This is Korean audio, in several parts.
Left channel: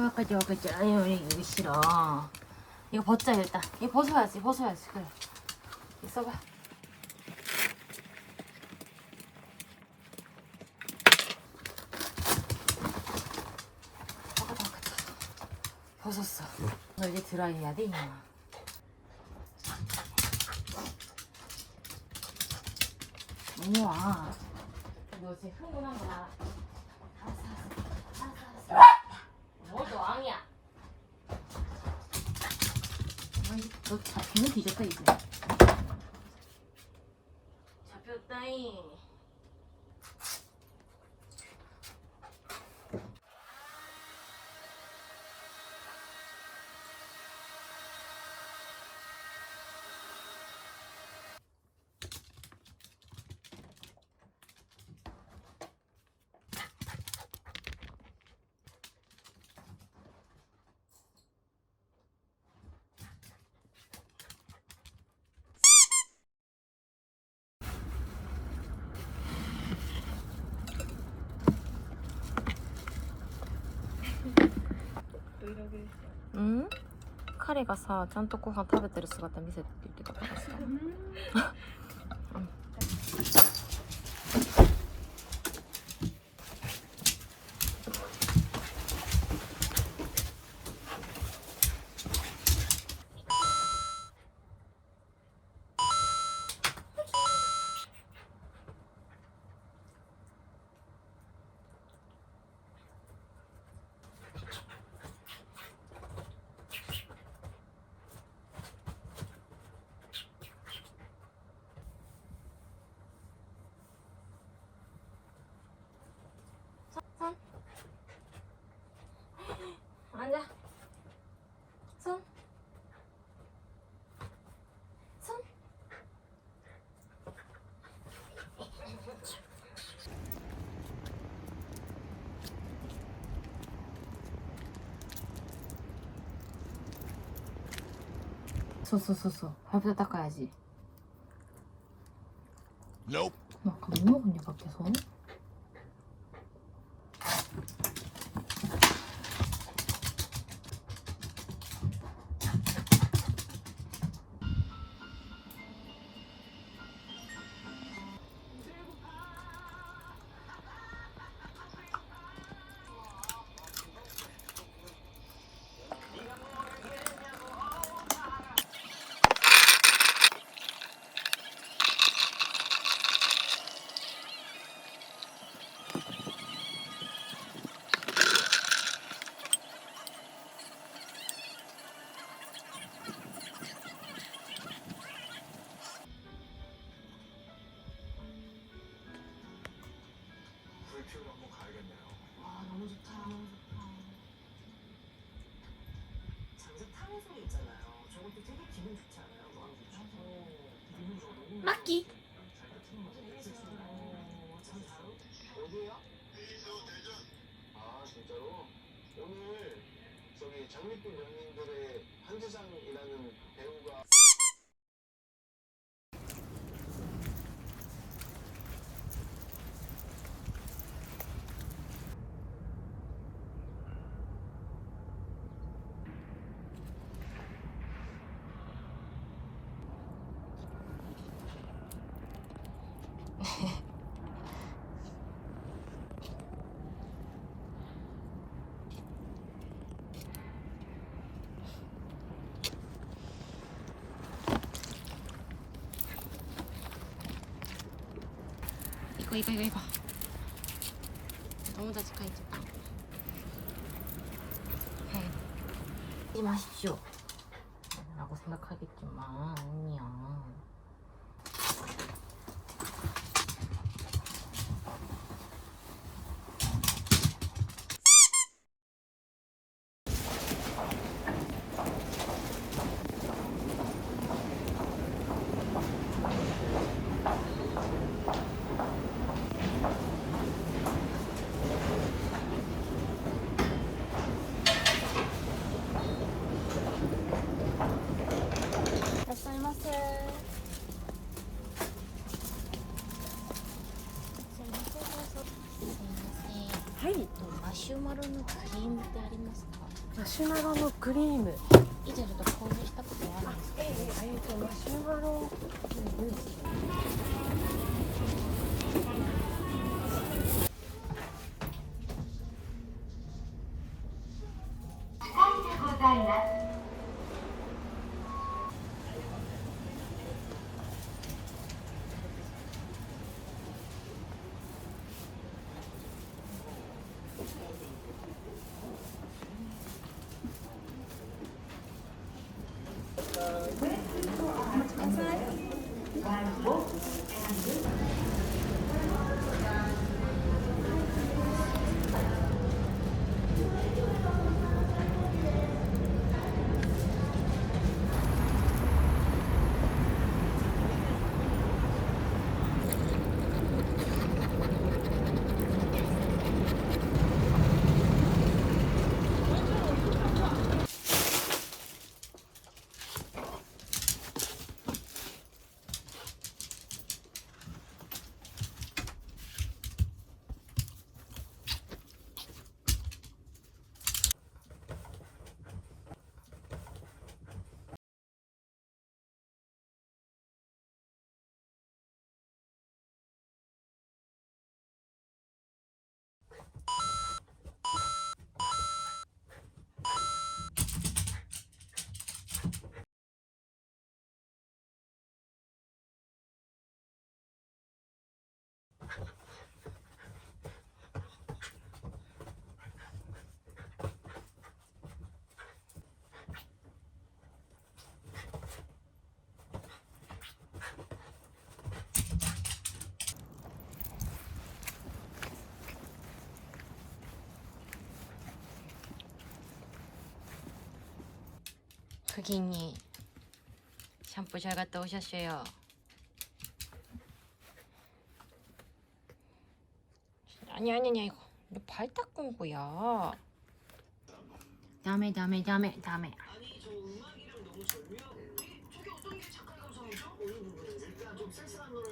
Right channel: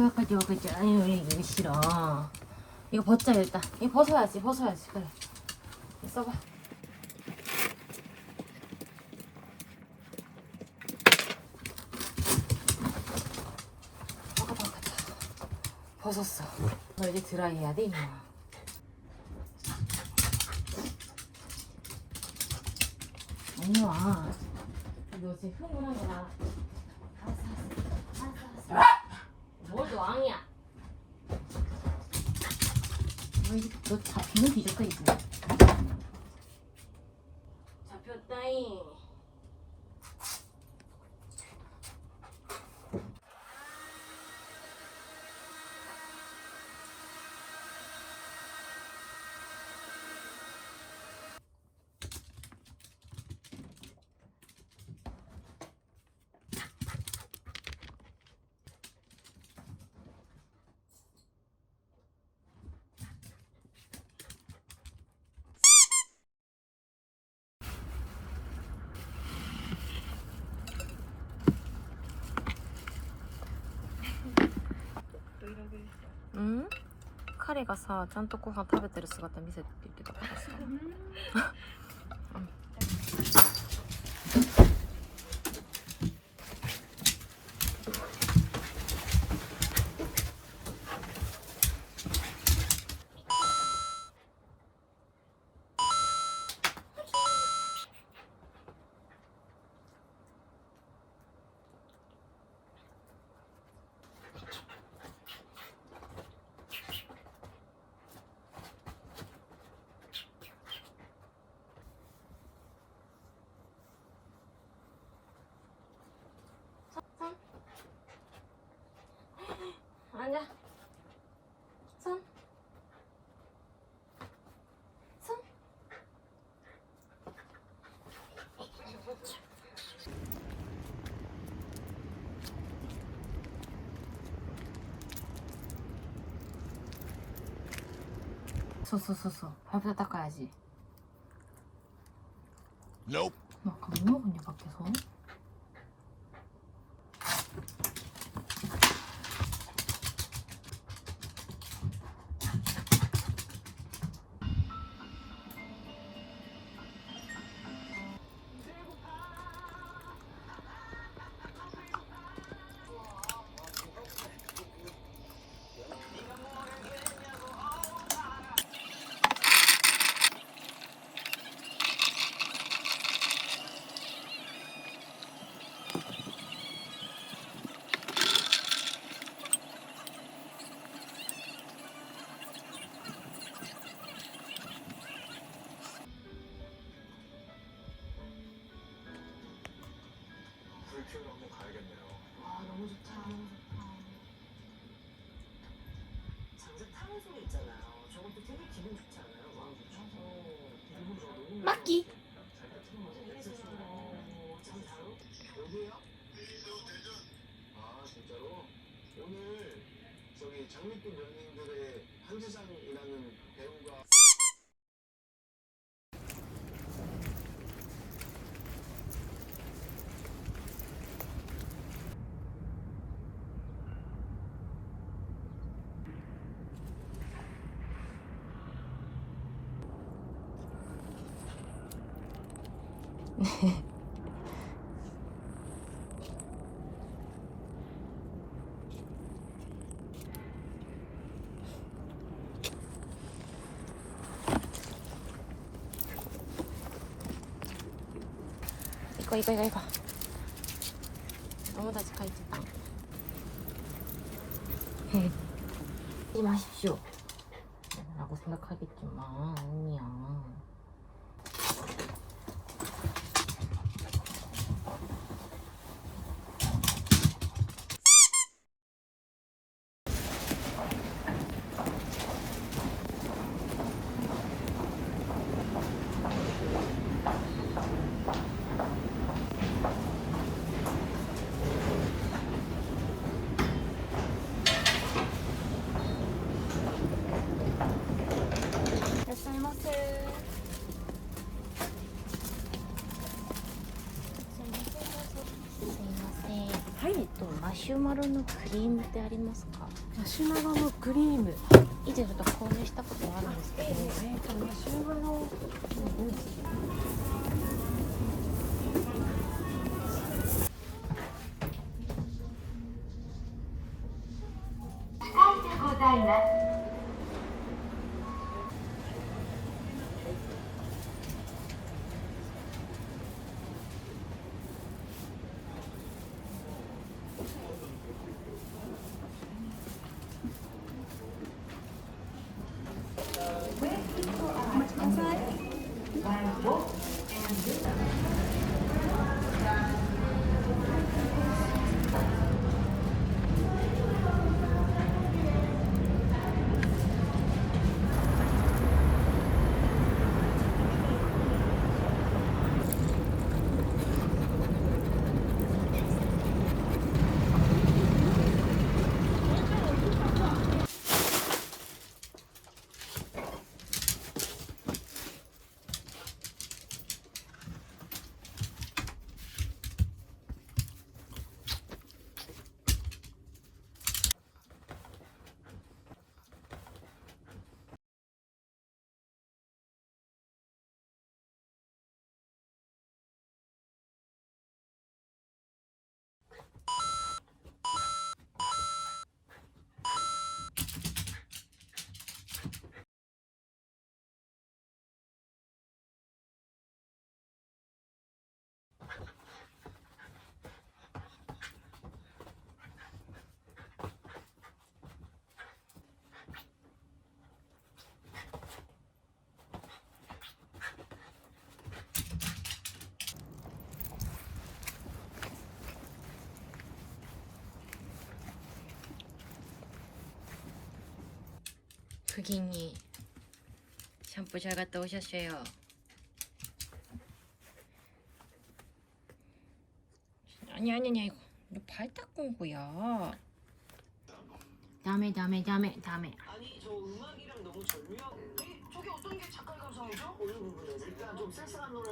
와까지. 아유, 이거 싫어. 이거 벗자, 일단. 이거 벗어야지. 그래. 이거 써봐. 벗었어. 너 이제 드라이 해야 돼, 이모. 언니 와. 너 지금 흥분한 거야. 알았어. 뭘 너 왕이야. 너 잡히는 뒤졌다, 이제. 잡혔다잉. 응? 彼がさ、ちゃんとご飯食べてる姿見せてって言ってたからさ。앉아. 손. 소. 밥도 닦아야지. Nope. 막 뭐 먹었니 밖에서? 불큐로 한번 가야겠네요. 와 너무 좋다. 장작 타는 소리 있잖아요. 저것도 되게 기분 좋지 않아요? 너무 좋죠. 기분 좋아. 너무 막기. 참 잘. 어디야? 아 진짜로? 오늘 저기 장밋빛 연인들의 한지상이라는 배우가 이거. 너무 다시 가있죠. 하지 마십시오. 라고 생각하겠지만, 언니야.はい、マシュマロのクリームってありますか？マシュマロのクリーム以前ちょっと購入したことがあるんですけど、マシュマロのブース고객님 샴푸 잘 갔다 오셨어요. 아니 이거 발 닦은 거야. 다음에 아니 저 음악이랑 너무 절묘한. 저게 어떤 게 작가의 감성이죠? 어느 부분에 일단 좀 쓸쓸한 노래.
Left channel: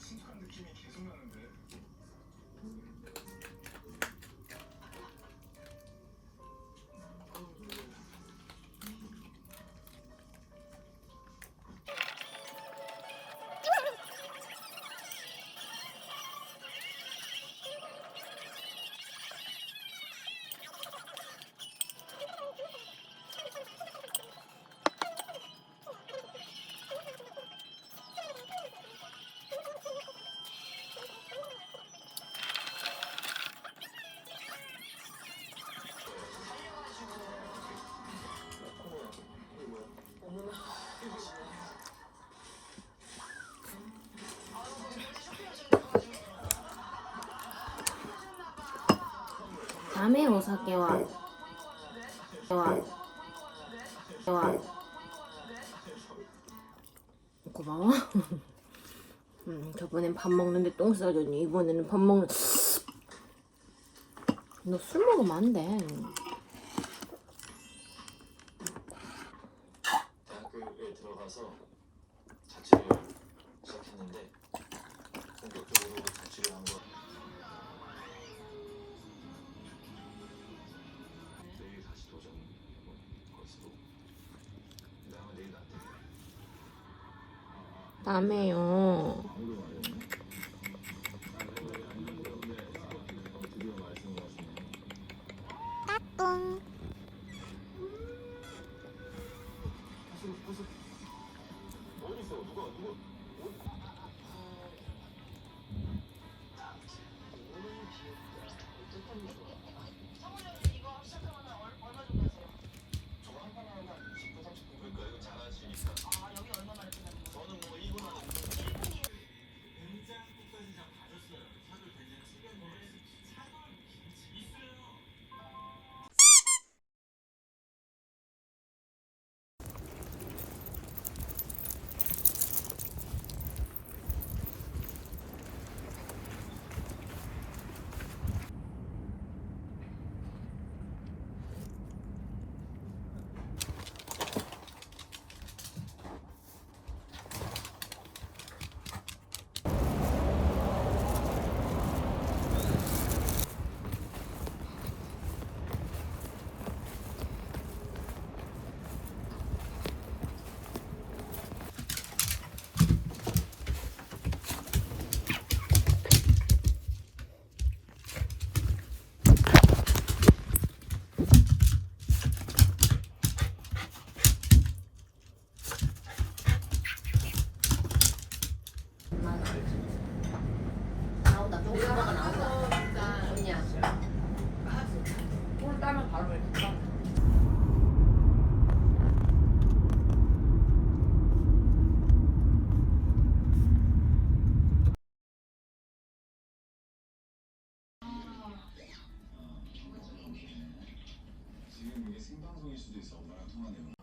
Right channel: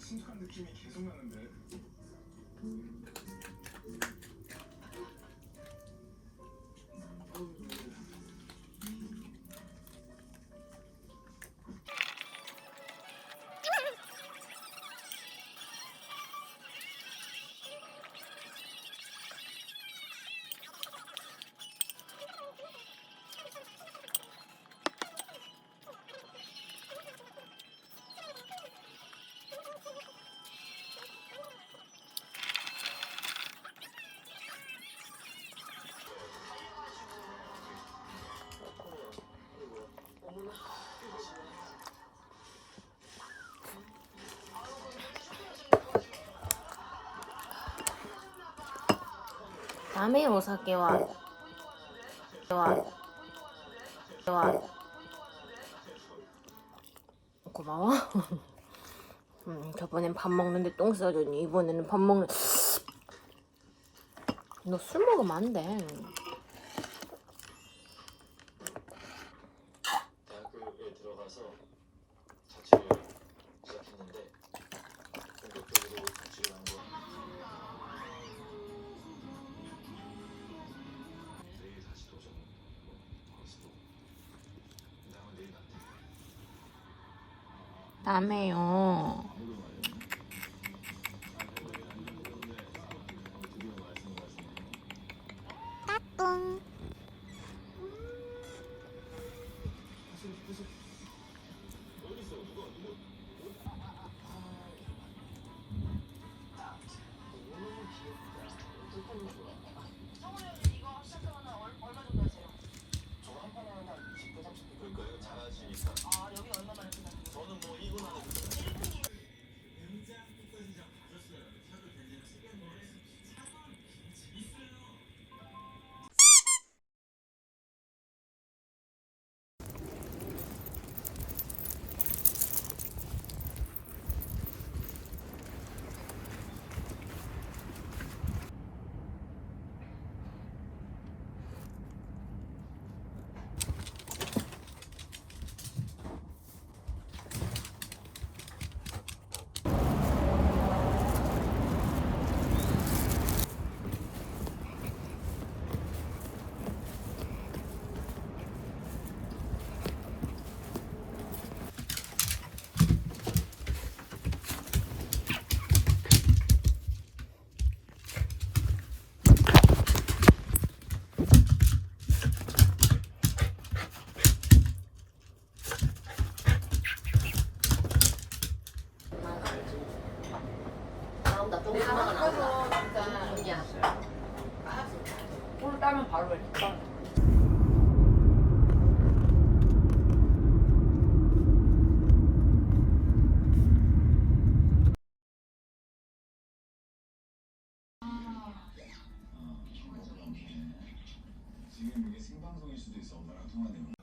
심각한 느낌이 계속 나는데. 다음에 오사케와 고마워. 저번엔 밥 먹는데 똥 싸줬니? 이번에는 밥 먹는. 너 술 먹으면 안 돼. 대학교에 들어가서 자취를 시작했는데 본격적으로 자취를 한 거. 내일 다시 도전. 것으로. 나 내일 안 돼. 다음에요. 상황에는